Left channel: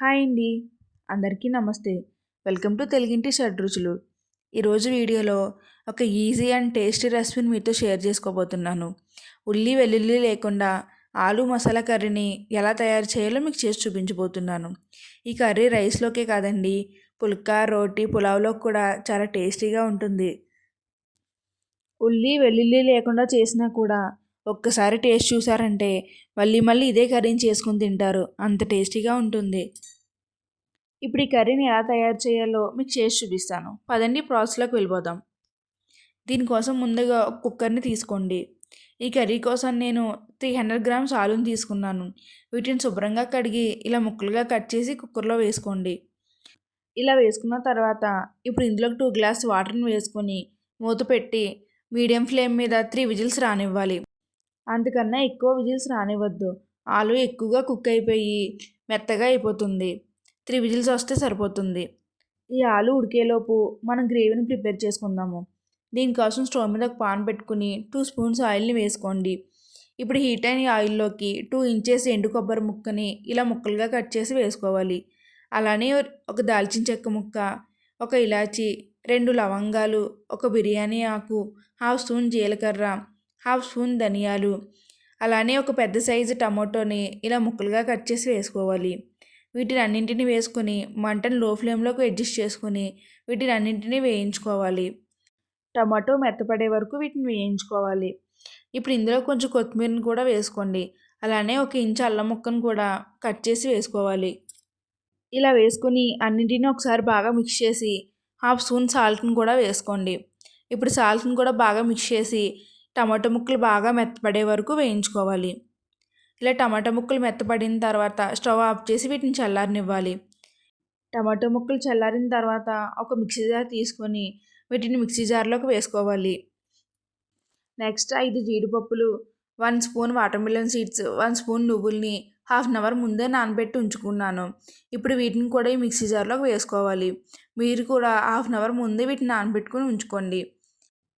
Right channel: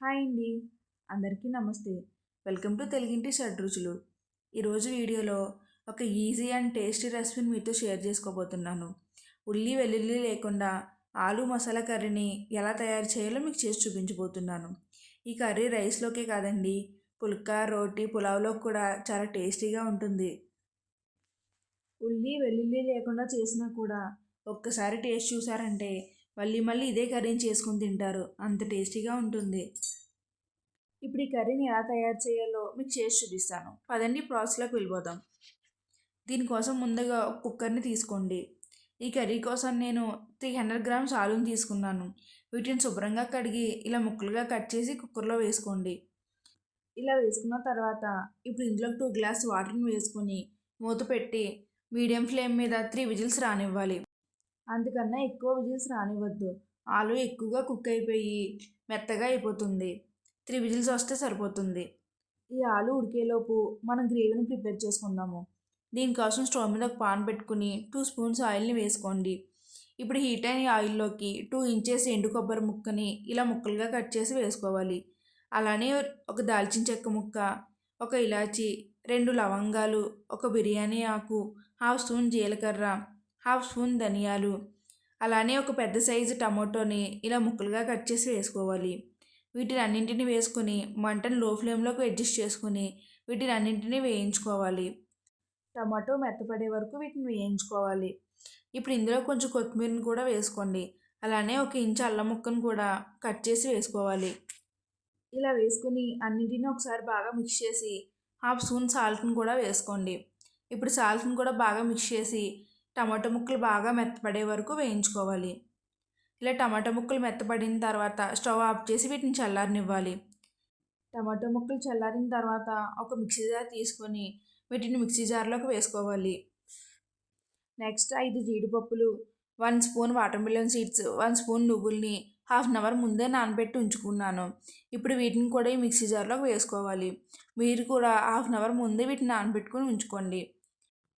Hi అండి. అందరికీ నమస్తే. వెల్కమ్ టు తెలుగింటి షడ్రుచులు ఈరోజు వీడియోలో ఒక ఈజీ అండ్ టేస్టీ రెసిపీని మీతో షేర్ చేసుకోబోతున్నాను. ఉల్లి వెల్లుల్లి లేకుండా ఆలు మసాలా కర్రీని ఎలా తయారు చేయాలో మీకు చేసి చూపించబోతున్నాను. ఈ కర్రీ రైస్లోకే కాదండి పుల్కా రోటీ పులావ్లో కూడా చాలా టేస్టీగా ఉంటుంది. ఉల్లి వెల్లుల్లి లేకుండా చేసినా కూడా ఒక్కసారి టేస్ట్ చూసారంటే మళ్ళీ మళ్ళీ ఇదే కర్రీని చేసుకుని తింటారు. అంత టేస్టీగా ఉంటుంది. ఇప్పుడు ఈ కర్రీని ఎలా తయారు చేయాలో మీకు చేసి చూపిస్తాను. పదండి ప్రాసెస్లోకి వెళ్ళిపోదాం. దీనికోసం ముందుగా ఒక కుక్కర్ని తీసుకోండి. ఈ కర్రీ కోసం నేను త్రీ హండ్రెడ్ గ్రామ్స్ ఆలుని తీసుకున్నాను. వీటిని శుభ్రంగా కడిగి ఇలా ముక్కలుగా కట్ చేసి కుక్కర్లో వేసుకోండి. ఇలా వేసుకున్న తర్వాత ఇప్పుడు ఇందులోకి టూ గ్లాస్ వాటర్ని వేసుకొని మూత పెట్టి మీడియం ఫ్లేమ్ మీద త్రీ విజిల్స్ రానివ్వాలి. అందుకన్నా ఎక్కువ విజిల్స్ రానివ్వద్దు. ఆలు ఎక్కువగా కుక్ అయిపోయి మెత్తగా అయిపోతుంది. త్రీ విజిల్స్ వస్తే సరిపోతుంది. ఈ ఆలు ఉడికేలోపు మనం గ్రేవీని ప్రిపేర్ చేసుకుందాము. దీనికోసం స్టవ్ మీద ఒక పాన్ పెట్టుకుని టూ స్పూన్స్ ఆయిల్ని వేసుకోండి. ఇప్పుడు హీట్ అయిన ఆయిల్లోకి టూ ఇంచెస్ ఎండు కొబ్బరి ముక్కని ఇలా ముక్కలుగా కట్ చేసి వేసుకోవాలి. అలానే ఒక దాల్చిన చెక్క ముక్క ఒక ఇలాచి రెండు లవంగాలు ఒక బిర్యానీ ఆకు హాఫ్ స్పూన్ జీలకర్ర హాఫ్ స్పూన్ ధనియాలు అలానే ఒక పెద్ద సైజు టమాటోని ఇలా ముక్కలుగా కట్ చేసి వేసుకోవాలి. వీటిని అన్నింటిని వేసుకొని మంటను లో ఫ్లేమ్లోకి అడ్జస్ట్ చేసుకొని వీటిని అన్నింటినీ వేయించుకోవాలి. టమాటో మెత్తపడే వరకు వీటిని వేయించుకోవాలి. ఇప్పుడు ఇందులో కొంచెం కొత్తిమీరని కూడా వేసుకోండి. అలానే ఒక ఇంచు అల్లం ముక్కను కూడా కట్ చేసి వేసుకోవాలి. ఇలా వేసుకొని అన్నింటినీ ఒకసారి బాగా మిక్స్ చేసి హాఫ్ స్పూన్ సాల్ట్ని కూడా వేసుకోండి. ఇప్పుడు సాల్ట్ని కూడా బాగా మిక్స్ చేసి టమాటో ముక్కలు బాగా మెత్తపడే వరకు వేయించుకోవాలి. ఇలా టమాటా ముక్కలు మెత్తపడిన తర్వాత స్టవ్ ఆఫ్ చేసి వీటిని చల్లారనివ్వాలి. టమాటో ముక్కలు చల్లారిన తర్వాత ఒక మిక్సీ జార్ తీసుకొని వీటిని మిక్సీ జార్లోకి వేసుకోవాలి. నెక్స్ట్ ఐదు జీడిపప్పులు one spoon watermelon seeds one spoon నువ్వుల్ని half an hour ముందే నానబెట్టి ఉంచుకున్నాను. ఇప్పుడు వీటిని కూడా ఈ మిక్సీ జార్లోకి వేసుకోవాలి. మీరు కూడా హాఫ్ అన్ అవర్ ముందే వీటిని నానబెట్టుకుని ఉంచుకోండి.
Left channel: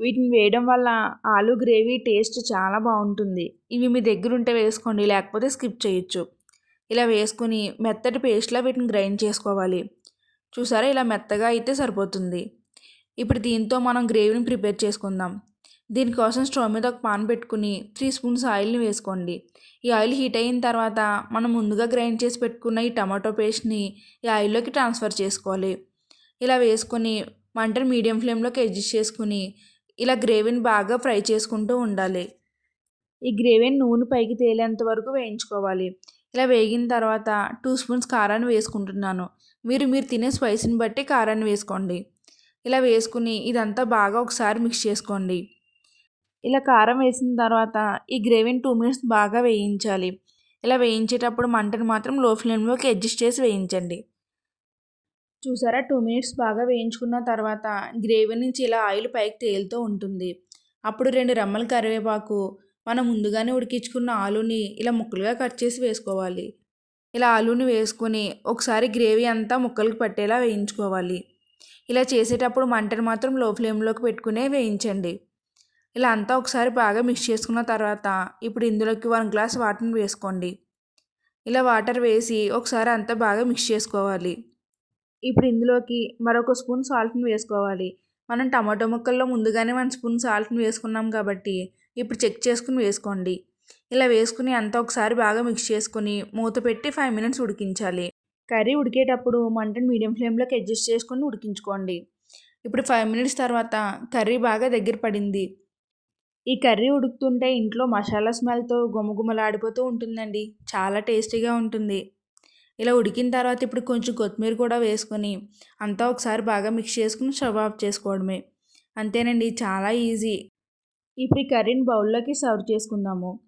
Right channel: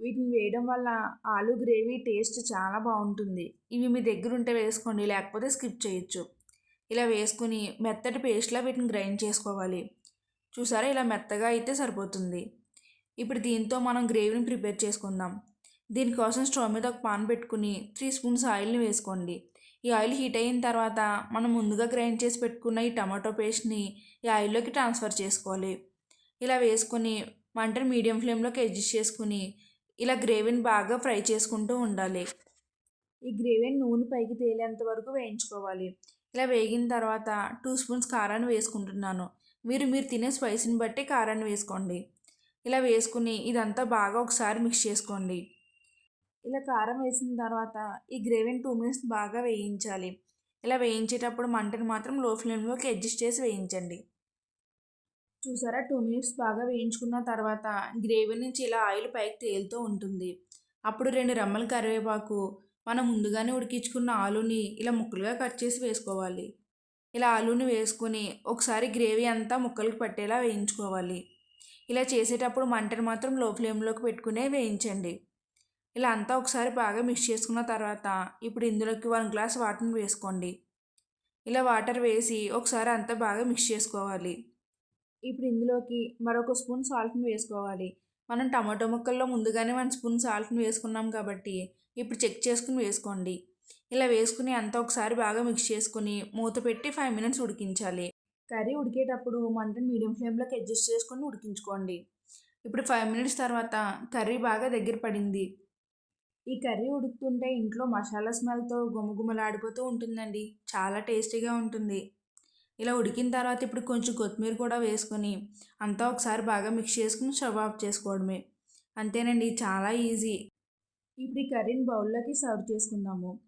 వీటిని వేయడం వల్ల ఆలు గ్రేవీ టేస్ట్ చాలా బాగుంటుంది. ఇవి మీ దగ్గర ఉంటే వేసుకోండి లేకపోతే స్కిప్ చేయొచ్చు. ఇలా వేసుకుని మెత్తటి పేస్ట్లా వీటిని గ్రైండ్ చేసుకోవాలి. చూసారా? ఇలా మెత్తగా అయితే సరిపోతుంది. ఇప్పుడు దీంతో మనం గ్రేవీని ప్రిపేర్ చేసుకుందాం. దీనికోసం స్టవ్ మీద ఒక పాన్ పెట్టుకుని త్రీ స్పూన్స్ ఆయిల్ని వేసుకోండి. ఈ ఆయిల్ హీట్ అయిన తర్వాత మనం ముందుగా గ్రైండ్ చేసి పెట్టుకున్న ఈ టమాటో పేస్ట్ని ఈ ఆయిల్లోకి ట్రాన్స్ఫర్ చేసుకోవాలి. ఇలా వేసుకొని మంటను మీడియం ఫ్లేమ్లోకి అడ్జస్ట్ చేసుకుని ఇలా గ్రేవీని బాగా ఫ్రై చేసుకుంటూ ఉండాలి. ఈ గ్రేవీని నూనె పైకి తేలేంత వరకు వేయించుకోవాలి. ఇలా వేగిన తర్వాత టూ స్పూన్స్ కారాన్ని వేసుకుంటున్నాను. మీరు మీరు తినే స్పైసీని బట్టి కారాన్ని వేసుకోండి. ఇలా వేసుకుని ఇదంతా బాగా ఒకసారి మిక్స్ చేసుకోండి. ఇలా కారం వేసిన తర్వాత ఈ గ్రేవీని టూ మినిట్స్ బాగా వేయించాలి. ఇలా వేయించేటప్పుడు మంటను మాత్రం లో ఫ్లేమ్లోకి అడ్జస్ట్ చేసి వేయించండి. చూసారా? టూ మినిట్స్ బాగా వేయించుకున్న తర్వాత గ్రేవీ నుంచి ఇలా ఆయిల్ పైకి తేలుతూ ఉంటుంది. అప్పుడు రెండు రెమ్మల కరివేపాకు మనం ముందుగానే ఉడికించుకున్న ఆలుని ఇలా ముక్కలుగా కట్ చేసి వేసుకోవాలి. ఇలా ఆలుని వేసుకొని ఒకసారి గ్రేవీ అంతా ముక్కలకు పట్టేలా వేయించుకోవాలి. ఇలా చేసేటప్పుడు మంటను మాత్రం లో ఫ్లేమ్లోకి పెట్టుకునే వేయించండి. ఇలా అంతా ఒకసారి బాగా మిక్స్ చేసుకున్న తర్వాత ఇప్పుడు ఇందులోకి వన్ గ్లాస్ వాటర్ని వేసుకోండి. ఇలా వాటర్ వేసి ఒకసారి అంతా బాగా మిక్స్ చేసుకోవాలి. ఇప్పుడు ఇందులోకి మరొక స్పూన్ సాల్ట్ని వేసుకోవాలి. మనం టమాటో ముక్కల్లో ముందుగానే వన్ స్పూన్ సాల్ట్ని వేసుకున్నాం కాబట్టి ఇప్పుడు చెక్ చేసుకుని వేసుకోండి. ఇలా వేసుకుని అంతా ఒకసారి బాగా మిక్స్ చేసుకుని మూత పెట్టి ఫైవ్ మినిట్స్ ఉడికించాలి. కర్రీ ఉడికేటప్పుడు మంటను మీడియం ఫ్లేమ్లోకి అడ్జస్ట్ చేసుకొని ఉడికించుకోండి. ఇప్పుడు ఫైవ్ మినిట్స్ తర్వాత కర్రీ బాగా దగ్గర పడింది. ఈ కర్రీ ఉడుకుతుంటే ఇంట్లో మసాలా స్మెల్తో గుమగుమలాడిపోతూ ఉంటుందండి. చాలా టేస్టీగా ఉంటుంది. ఇలా ఉడికిన తర్వాత ఇప్పుడు కొంచెం కొత్తిమీర కూడా వేసుకొని అంతా ఒకసారి బాగా మిక్స్ చేసుకుని స్టవ్ ఆఫ్ చేసుకోవడమే. అంతేనండి చాలా ఈజీ ఇప్పుడు ఈ కర్రీని బౌల్లోకి సర్వ్ చేసుకుందాము.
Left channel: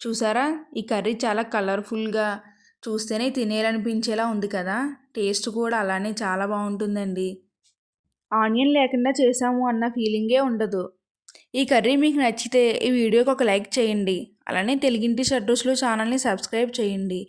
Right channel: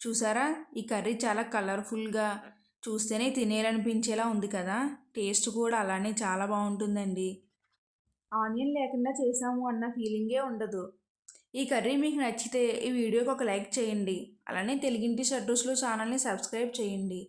చూసారా? ఈ కర్రీ చాలా కలర్ఫుల్గా చూస్తేనే తినేయాలనిపించేలా ఉంది కదా? టేస్ట్ కూడా అలానే చాలా బాగుంటుందండి. ఆనియన్ లేకుండా చేసాము అన్న ఫీలింగే ఉండదు. ఈ కర్రీ మీకు నచ్చితే ఈ వీడియోకి ఒక లైక్ చేయండి. అలానే తెలుగింటి షడ్రూస్లో ఛానల్ని సబ్స్క్రైబ్ చేయండి.